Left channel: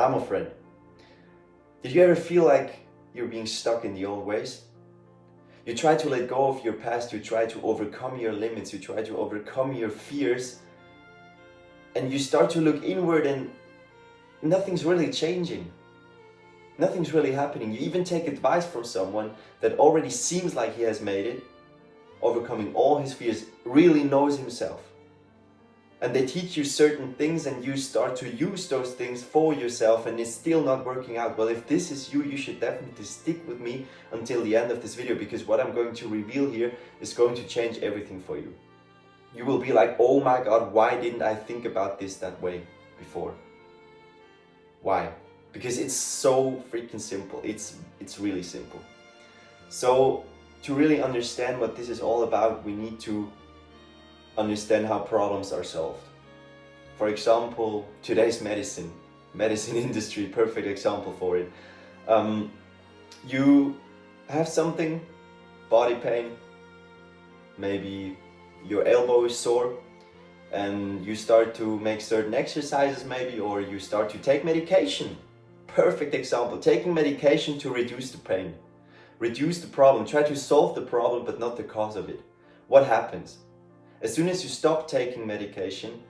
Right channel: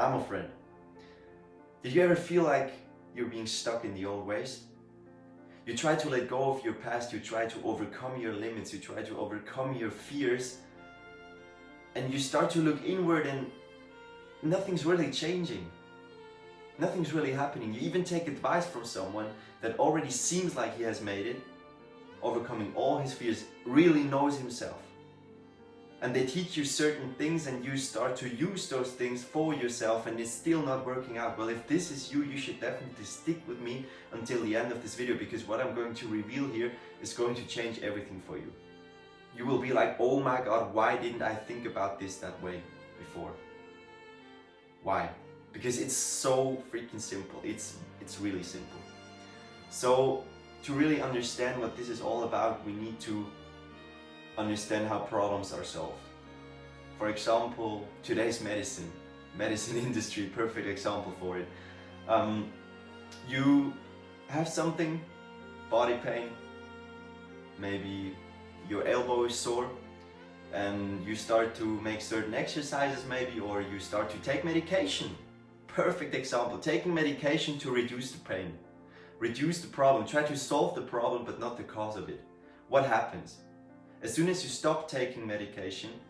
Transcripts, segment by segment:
a friend. Did you ever feel like you're being stuck in the old ways? You try to let go of your past, you try to overcome your limits, you try to overcome your fears, and you start to look inward and nothing's really changing. Nothing's really happening. You even take advice from someone that already seems like he has made it, overcoming all his fears, really knows himself. And they teach you certain things and you start to use those things for yourself and it's still not working out. Well, if this is you, you should definitely stick with me until the end of this video, because what I'm going to reveal here is going to change everything for you. You will be like, oh my God, why didn't I think about this that way before? Why? Because it's so freaking simple. It's really simple. So to really understand what this is all about, we need to understand how problems are solved. For example, today's medicine industry, perfect example for it. You have something, body pain, maybe your elbow is sore, and you start to make certain exercises maybe, or you start to take medication. Perfect example, taking medication to reduce the pain, reduce the problem, try to solve the problem but not the cause of it. What happens? As soon as you stop taking medication,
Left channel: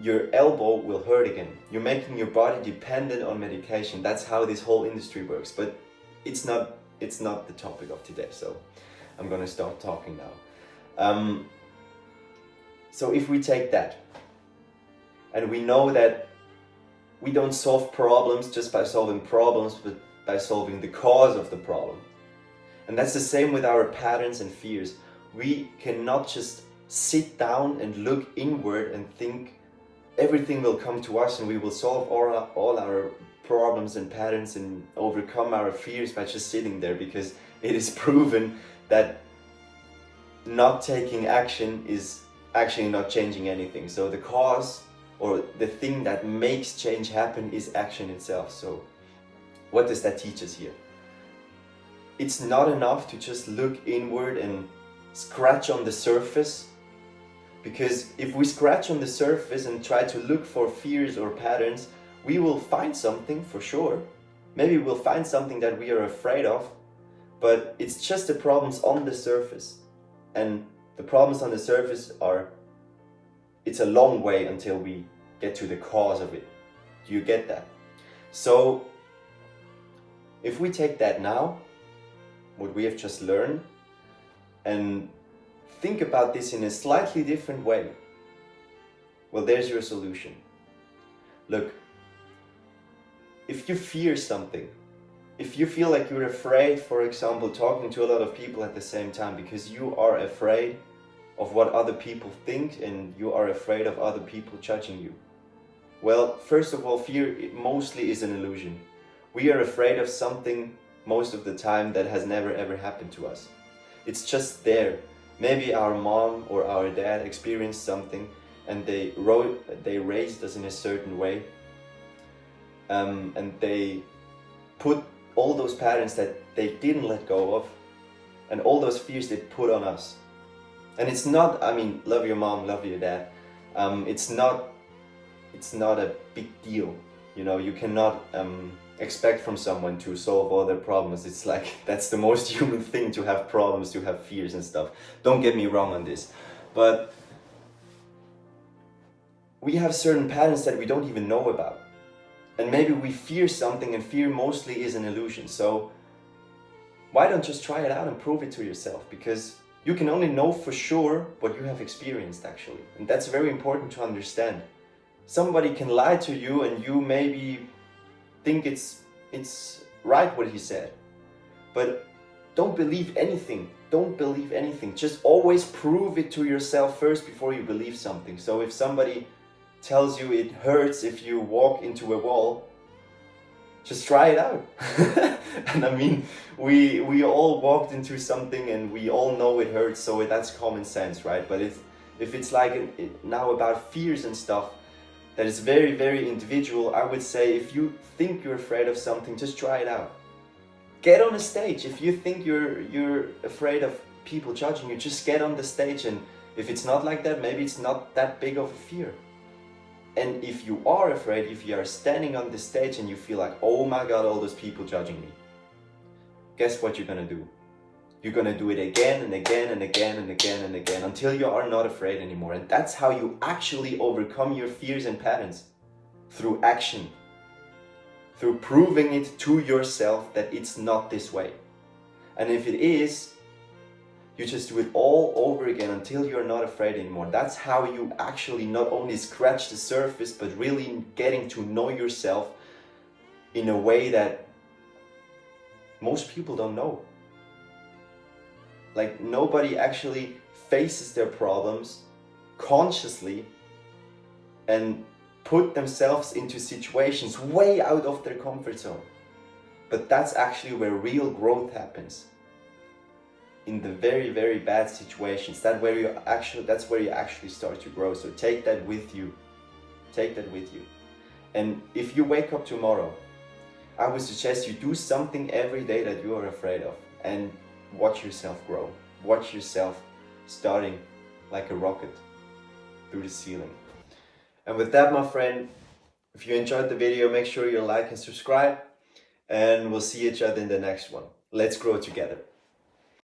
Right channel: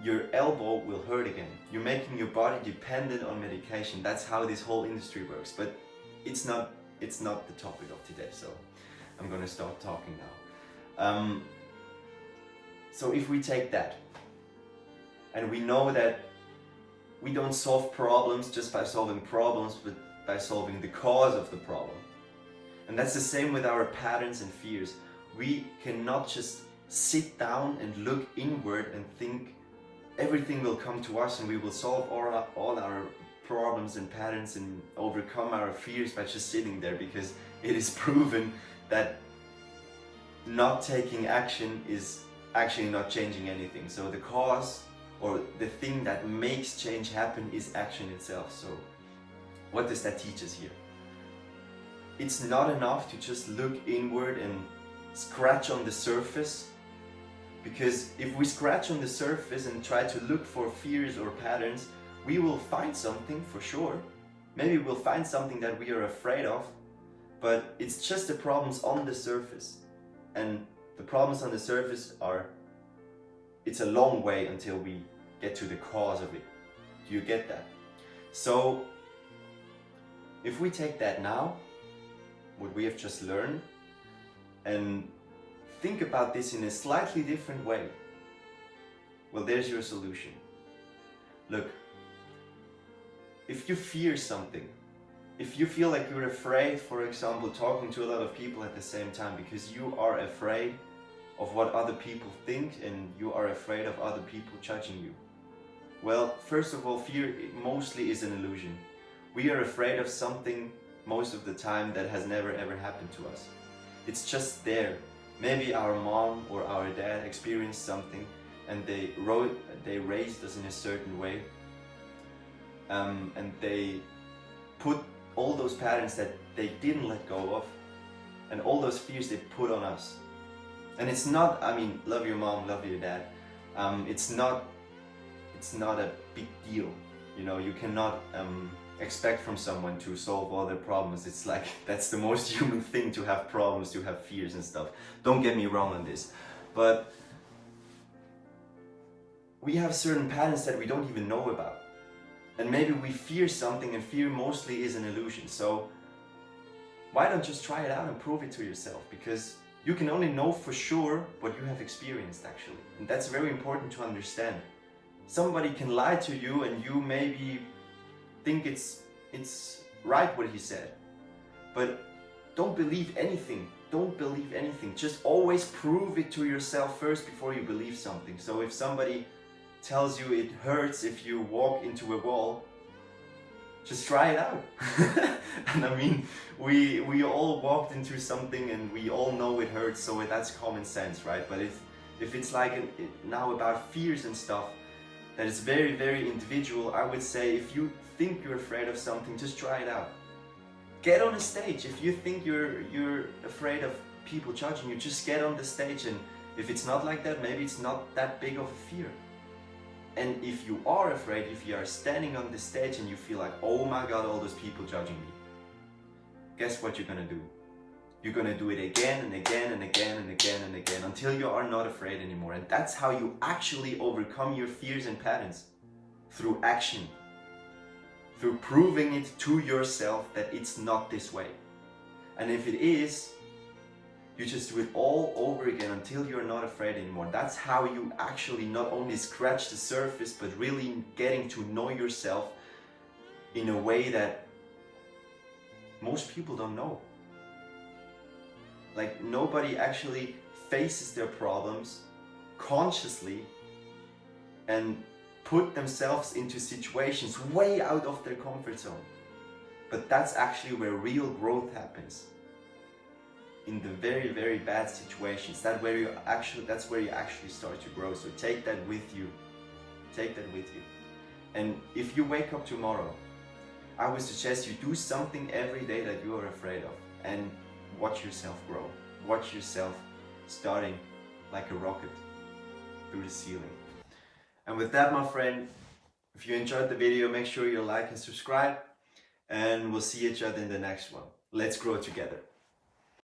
your elbow will hurt again. You're making your body dependent on medication. That's how this whole industry works. But it's not the topic of today, so I'm gonna start talking now. So if we take that, and we know that we don't solve problems just by solving problems, but by solving the cause of the problem. And that's the same with our patterns and fears. We cannot just sit down and look inward and think everything will come to us and we will solve all our problems and patterns and overcome our fears by just sitting there, because it is proven that not taking action is actually not changing anything. So the cause or the thing that makes change happen is action itself. So what does that teach us here? It's not enough to just look inward and scratch on the surface. Because if we scratch on the surface and try to look for fears or patterns, we will find something for sure. Maybe we'll find something that we are afraid of, but it's just the problems on the surface. And the problems on the surface it's a long way until we get to the cause of it. Do you get that? So if we take that now, what we have just learned, and think about this in a slightly different way, well, there's your solution. Look, if you fear something, if you feel like you're afraid, for example, talking to a lot of people at the same time because you are afraid of what other people think and you are afraid of other people judging you. Well, first of all, fear mostly is an illusion. We are afraid of something most of the time that has never ever happened to us. It's just there. Maybe our mom or our dad experienced something and they raised us in a certain way, and they put all those patterns that they didn't let go of and all those fears they put on us. And it's not, I mean, love your mom, love your dad. It's not a big deal. You know, you cannot expect from someone to solve all their problems. It's like, that's the most human thing, to have problems, to have fears and stuff. Don't get me wrong on this. But we have certain patterns that we don't even know about. And maybe we fear something, and fear mostly is an illusion. So why don't just try it out and prove it to yourself? Because you can only know for sure what you have experienced, actually. And that's very important to understand. Somebody can lie to you and you maybe think it's right what he said. But don't believe anything. Don't believe anything. Just always prove it to yourself first before you believe something. So if somebody tells you it hurts if you walk into a wall, just try it out. And I mean, we all walked into something and we all know it hurts, so that's common sense, right? But if it's like now about fears and stuff, that is very, very individual. I would say if you think you're afraid of something, just try it out. Get on a stage. If you think you're afraid of people judging you, just get on the stage, and if it's not like that, maybe it's not that big of a fear. And if you are afraid, if you are standing on the stage and you feel like, oh my God, all those people judging me, guess what you're gonna do? You're gonna do it again and again and again and again and again until you are not afraid anymore. And that's how you actually overcome your fears and patterns, through action, through proving it to yourself that it's not this way. And if it is, you just do it all over again until you're not afraid anymore. That's how you actually not only scratch the surface, but really getting to know yourself in a way that most people don't know. Like, nobody actually faces their problems consciously and put themselves into situations way out of their comfort zone. But that's actually where real growth happens. In the very, very bad situations, that's where you actually start to grow. So take that with you. Take that with you. And if you wake up tomorrow, I would suggest you do something every day that you are afraid of, and watch yourself grow. Watch yourself starting like a rocket through the ceiling. And with that, my friend, if you enjoyed the video, make sure you like and subscribe, and we'll see each other in the next one. Let's grow together.